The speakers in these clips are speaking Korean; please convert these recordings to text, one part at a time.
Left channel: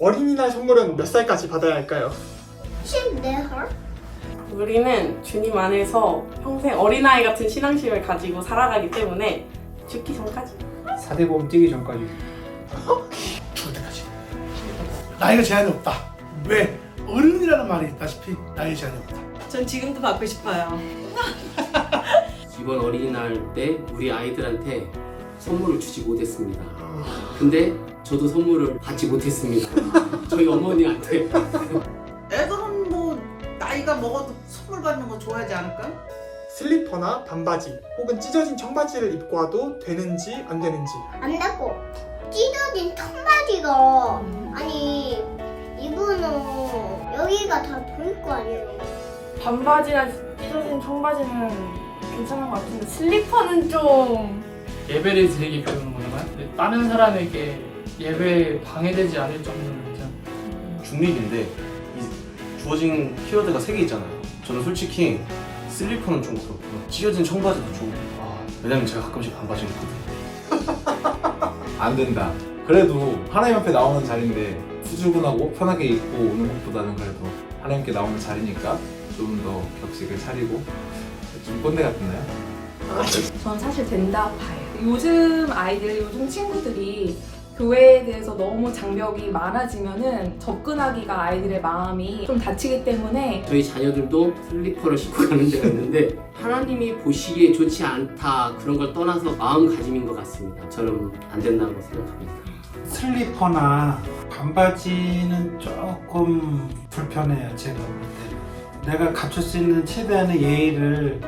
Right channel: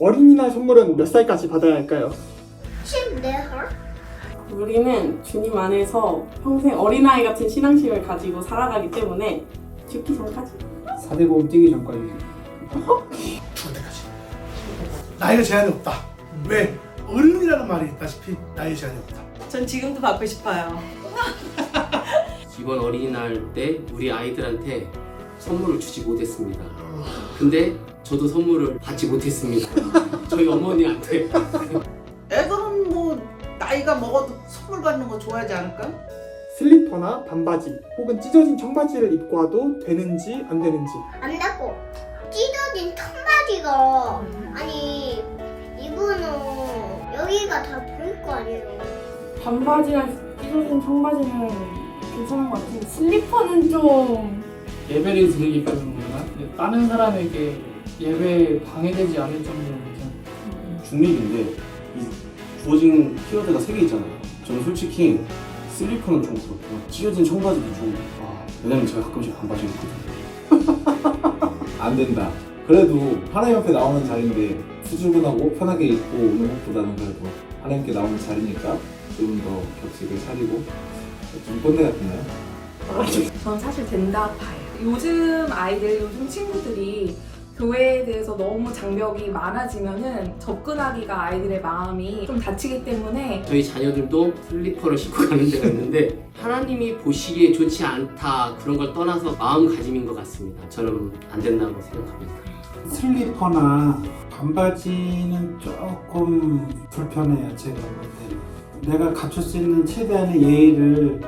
어린이날 선물은 몇 살까지 받아야 할까요? 14살? 우리는 주님 안에서 평생 어린아이 같은 신앙심을 가지고 살아가기 때문에 죽기 전까지. 4대보험 뛰기 전까지. 죽을 때까지. 나이가 제한이 없다. 왜? 어른이라는 말이 있다시피 나이 제한이 없다. 전 지금도 받고 싶어요. 이번 어린이날 때 우리 아이들한테 선물을 주지 못했습니다. 근데 저도 선물을 받지 못했습니다. 저희 어머니한테. 애들은 뭐 나이가 먹어도 선물 받는 거 좋아하지 않을까? 슬리퍼나 반바지 혹은 찢어진 청바지를 입고 와도 되는지 안 되는지. 안 되고 찢어진 청바지가 아니 이분은 여기가 다 보일 거 아니에요. 반바지나 찢어진 청바지는 괜찮은 것 같은데 슬리퍼는 좀 예배를 드리기 때문인가? 다른 사람에게 예배에 방해되지 않을 정도는 중립인데 이 주어진 키워드가 3개 있잖아요. 저는 솔직히 슬리퍼는 좀 그렇고 찢어진 청바지도 좀 왜냐면 제가 가끔씩 반바지 입거든요. 안 된다. 그래도 하나님 앞에 나오는 자리인데 수줍은하고 편하게 입고 오는 것보다는 그래도 하나님께 나오는 자리니까 좀 더 격식을 차리고 좀 꼰대 같나요? 전 사실 된다 봐요. 요즘 아이들, 요즘 친구들이 교회에 대해서 너무 장벽이 많아지면은 접근하기가 아이들의 마음이 좀 다치기 때문에 저희 자녀들도 슬리퍼를 신고 가는 데가 있는데 하나님이 보시기에 좋지 않다 그런 걸 떠나서 마음가짐인 것 같습니다. 저는 안 된다고 생각합니다. 슬리퍼나 반바지는 조금 불편해요. 제가 볼 때. 내가 갖출 수 있는 최대한의 예의를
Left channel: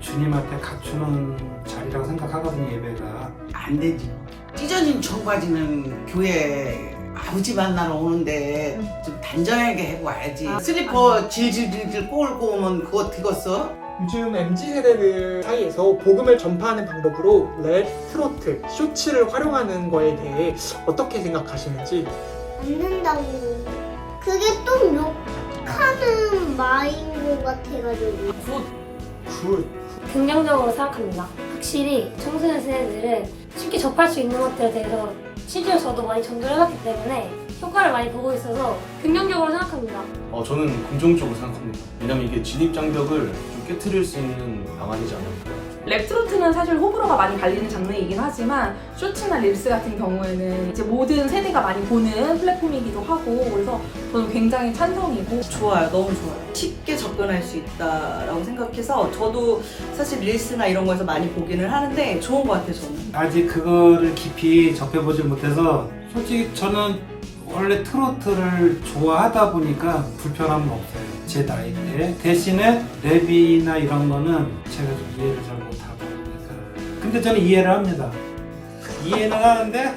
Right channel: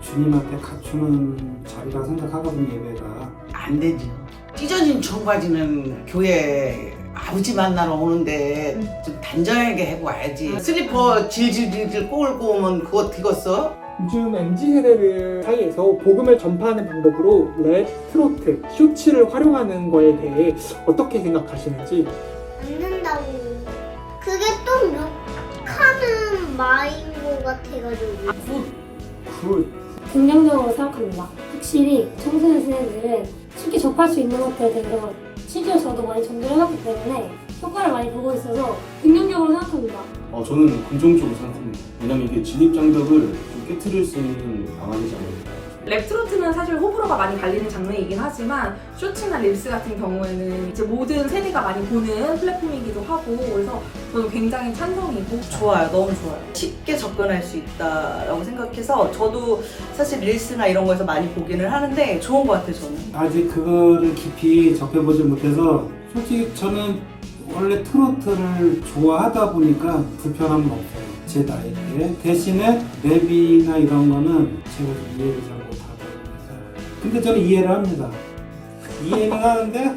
주님한테 갖추는 자리라고 생각하거든요. 예배가. 안 되죠. 찢어진 청바지는 교회 아버지 만나러 오는데 좀 단정하게 해고 와야지. 슬리퍼 질질질질 꼬울꼬 오면 그거 되겠어? 요즘 MZ세대들 사이에서 복음을 전파하는 방법으로 랩, 트로트, 쇼츠를 활용하는 거에 대해 어떻게 생각하시는지. 안 된다고. 그게 또 욕하는 말인 것 같아가지고. 굿. 긍정적으로 생각합니다. 확실히 청소년 세대들은 쉽게 접할 수 있는 것들에 대해서 실제로 저도 많이 전도해놨기 때문에 효과를 많이 보고 있어서 긍정적으로 생각합니다. 저는 긍정적으로 생각합니다. 왜냐면 이게 진입장벽을 좀 깨트릴 수 있는 방안이잖아요. 랩 트로트는 사실 호불호가 많이 갈리는 장르이긴 하지만 쇼츠나 릴스 같은 경우에는 이제 모든 세대가 많이 보는 플랫폼이기도 하고 그래서 저는 굉장히 찬성이고 좋아요. 너무 좋아요. 쉽게 접근할 수 있다라고 생각해서 저도 사실 릴스나 이런 거에서 많이 보기는 하는데 좋은 것 같아요. 저는. 아직 그거를 깊이 접해보지 못해서 솔직히 저는 원래 트로트를 좋아하다 보니까 불편함은 없어요. 제 나이 때. 대신에 랩이나 이런 거는 제가 좀 이해를 잘 못하고 근데 저는 이해를 합니다. 이해는 하는데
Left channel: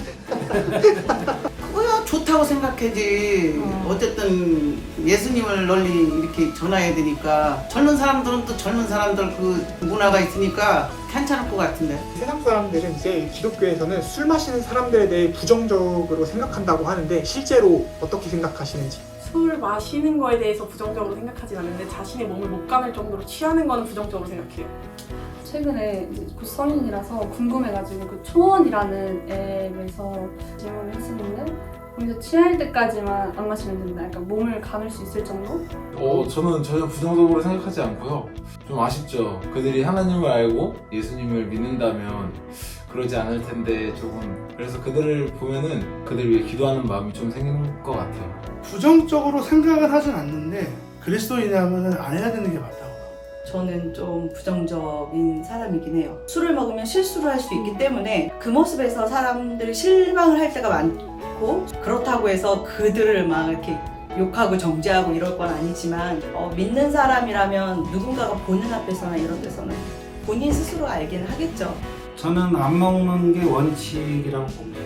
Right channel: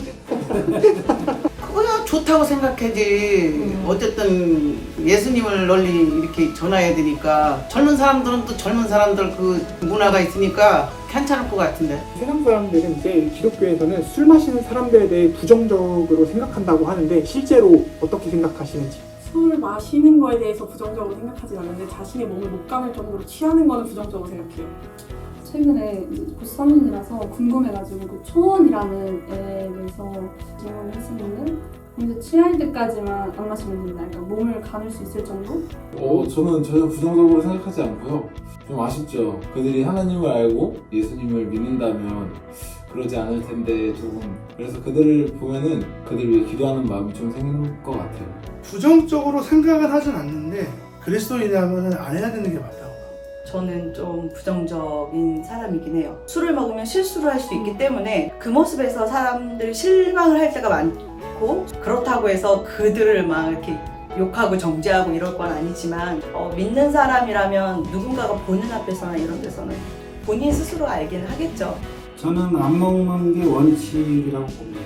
그거야 좋다고 생각하지. 어쨌든 예수님을 널리 이렇게 전해야 되니까 젊은 사람들은 또 젊은 사람들 그 문화가 있으니까 괜찮을 것 같은데. 세상 사람들은 이제 기독교에서는 술 마시는 사람들에 대해 부정적으로 생각한다고 하는데 실제로 어떻게 생각하시는지. 술 마시는 거에 대해서 부정적으로 생각하진 않는데 자신의 몸을 못 가눌 정도로 취하는 거는 부정적으로 생각해요. 최근에 곧 성인이라서 궁금해가지고 그 초원이라는 앱에서 질문을 했었는데 거기서 취할 때까지만 안 마시면 된다. 약간 몸을 가눌 수 있을 정도? 저는 전혀 부정적으로 생각하지 않고요. 좀 아쉽죠. 그들이 하나님을 알고 예수님을 믿는다면 그러지 않을 텐데 조금 그래서 그들을 보면은 그들 위해 기도하는 마음이 좀 생긴 것 같아요. 부정적으로 생각은 하진 않는데 그리스도인이라면 안 해야 되는 게 맞다고. 저는 좀 부정적인 사람이긴 해요. 술을 먹으면 실수를 할 수 있기 때문에 그 모습에서 사람들이 실망을 할 때가 많고 그렇다고 해서 그들을 막 이렇게 욕하고 정죄하고 이럴 건 아니지만 믿는 사람이라면 누군가가 보는 앞에서나 이런 데서는 본인 스스로 알기는 하겠죠. 저는 안 먹는 게 원칙이라고 봅니다.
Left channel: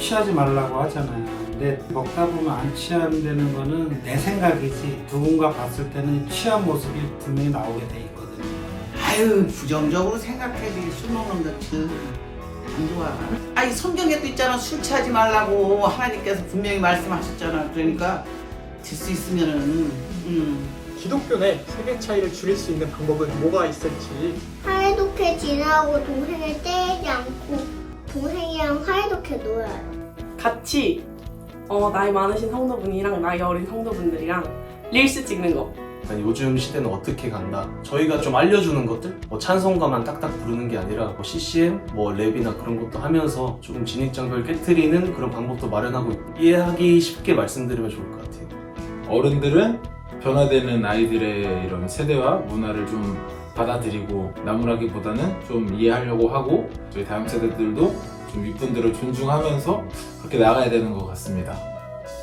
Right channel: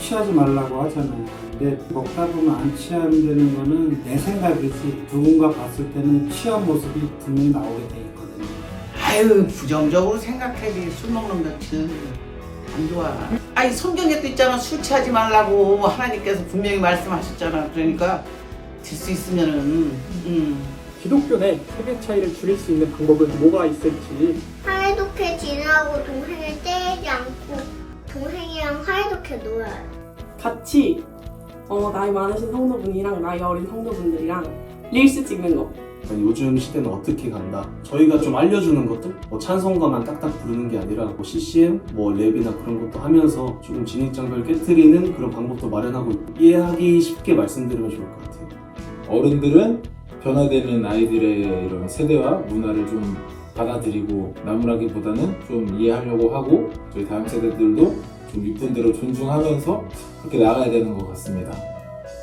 취하지 말라고 하잖아요. 근데 먹다 보면 안 취한다는 거는 내 생각이지 누군가 봤을 때는 취한 모습이 분명히 나오게 돼 있거든요. 아유 부정적으로 생각해야지. 술 먹는 것은 안 좋아. 아니 성경에도 있잖아. 술 취하지 말라고 하나님께서 분명히 말씀하셨잖아. 그러니까 들 수 있으면은 기독교 내 세대 차이를 줄일 수 있는 방법은 뭐가 있을지. 사이좋게 지내고 동생을 때리지 않고 동생이랑 사이좋게 놀아요. 같이 나이 많으신 성도분이랑 나이 어린 성도분들이랑 릴스 찍는 거. 아니, 요즘 시대는 어떻게 간다. 저희가 좀 알려주는 것들, 뭐 찬송가만 딱딱 부르는 게 아니라 뭐 CCM, 뭐 랩이나 그런 것도 하면서 좀 진입장벽을 깨트리는 그런 방법도 마련하고 이해하기 쉽게 말씀드리면 좋을 것 같아요. 어른들은 변화되는 아이들의 이런 세대와 문화를 좀 받아들이고 나무라기보다는 좀 이해하려고 하고 저희 다음 세대들도 좀 윗분들을 존중하면서 그렇게 나가야 되는 것 같습니다.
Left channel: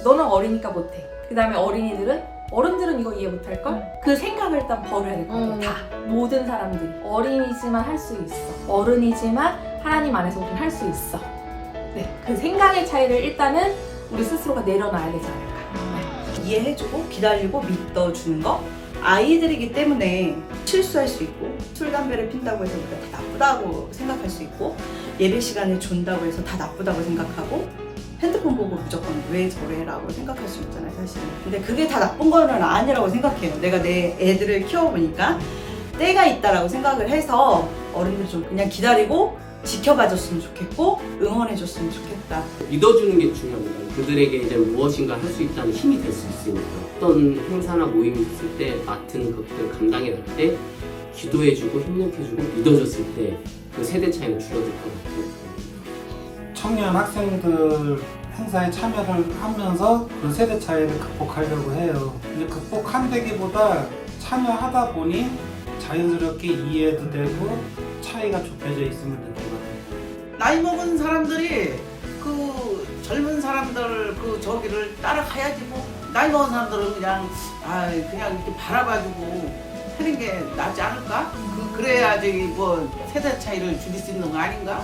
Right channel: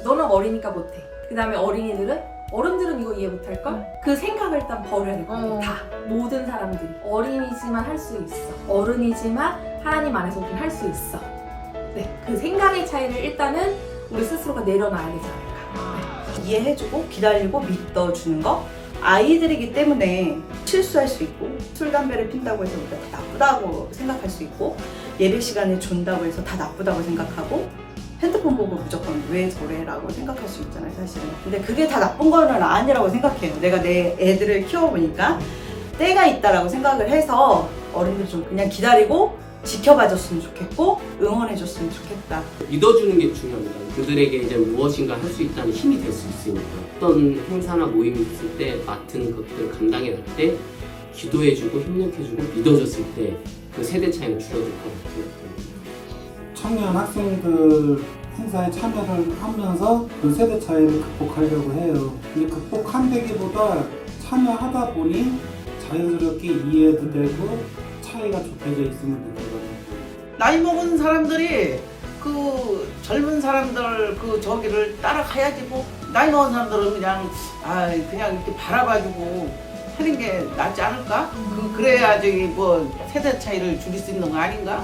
너는 어리니까 못해. 그 다음에 어른들은 이거 이해 못할걸? 그 생각을 일단 버려야 될 것 같아. 다. 모든 사람들이. 어린이지만 할 수 있어. 어른이지만 하나님 안에서 우리는 할 수 있어. 네. 그 생각의 차이를 일단은 우리 스스로가 내려놔야 되지 않을까. 이해해주고 기다리고 믿어주는 거. 아이들이기 때문에 실수할 수 있고 술, 담배를 핀다고 해서 우리가 다 나쁘다고 생각할 수 있고 예배 시간에 존다고 해서 다 나쁘다고 생각하고 핸드폰 보고 무조건 왜 저래? 라고 생각할 수 있잖아요, 사실은. 근데 그게 다 나쁜 거는 아니라고 생각해요. 내가 내 애들을 키워보니까 때가 있다라고 생각을 해서 어른들 좀 그냥 기다리고 지켜봐줬으면 좋겠고 응원해줬으면 좋겠다. 믿어주는 게 중요합니다. 그들에게 이제 무엇인가 할 수 있다는 힘이 될 수 있으니까 어떤 행사나 모임이 있을 때 맡은 것들 감당해 갈 때 기도해주고 협력해주고 믿어줬을 때 그 세대 차이는 줄어들 것 같아요. 청년 학생들 행사에 참여를 하면서 그 세대 차이를 극복하려고 해요. 근데 극복한다기보다 참여하다 보니 자연스럽게 이해도 되고 차이가 좁혀져 있으면 될 것 같아요. 나이 먹은 사람들이 그 젊은 사람들 그 저기를 따라가야지 뭐 나이 먹은 사람들은 그냥 그냥 이렇게 바라봐주고 하는 게 낫지 않을까? 그래야지 뭐 세대 차이를 줄일 수 있는 거 아닌가?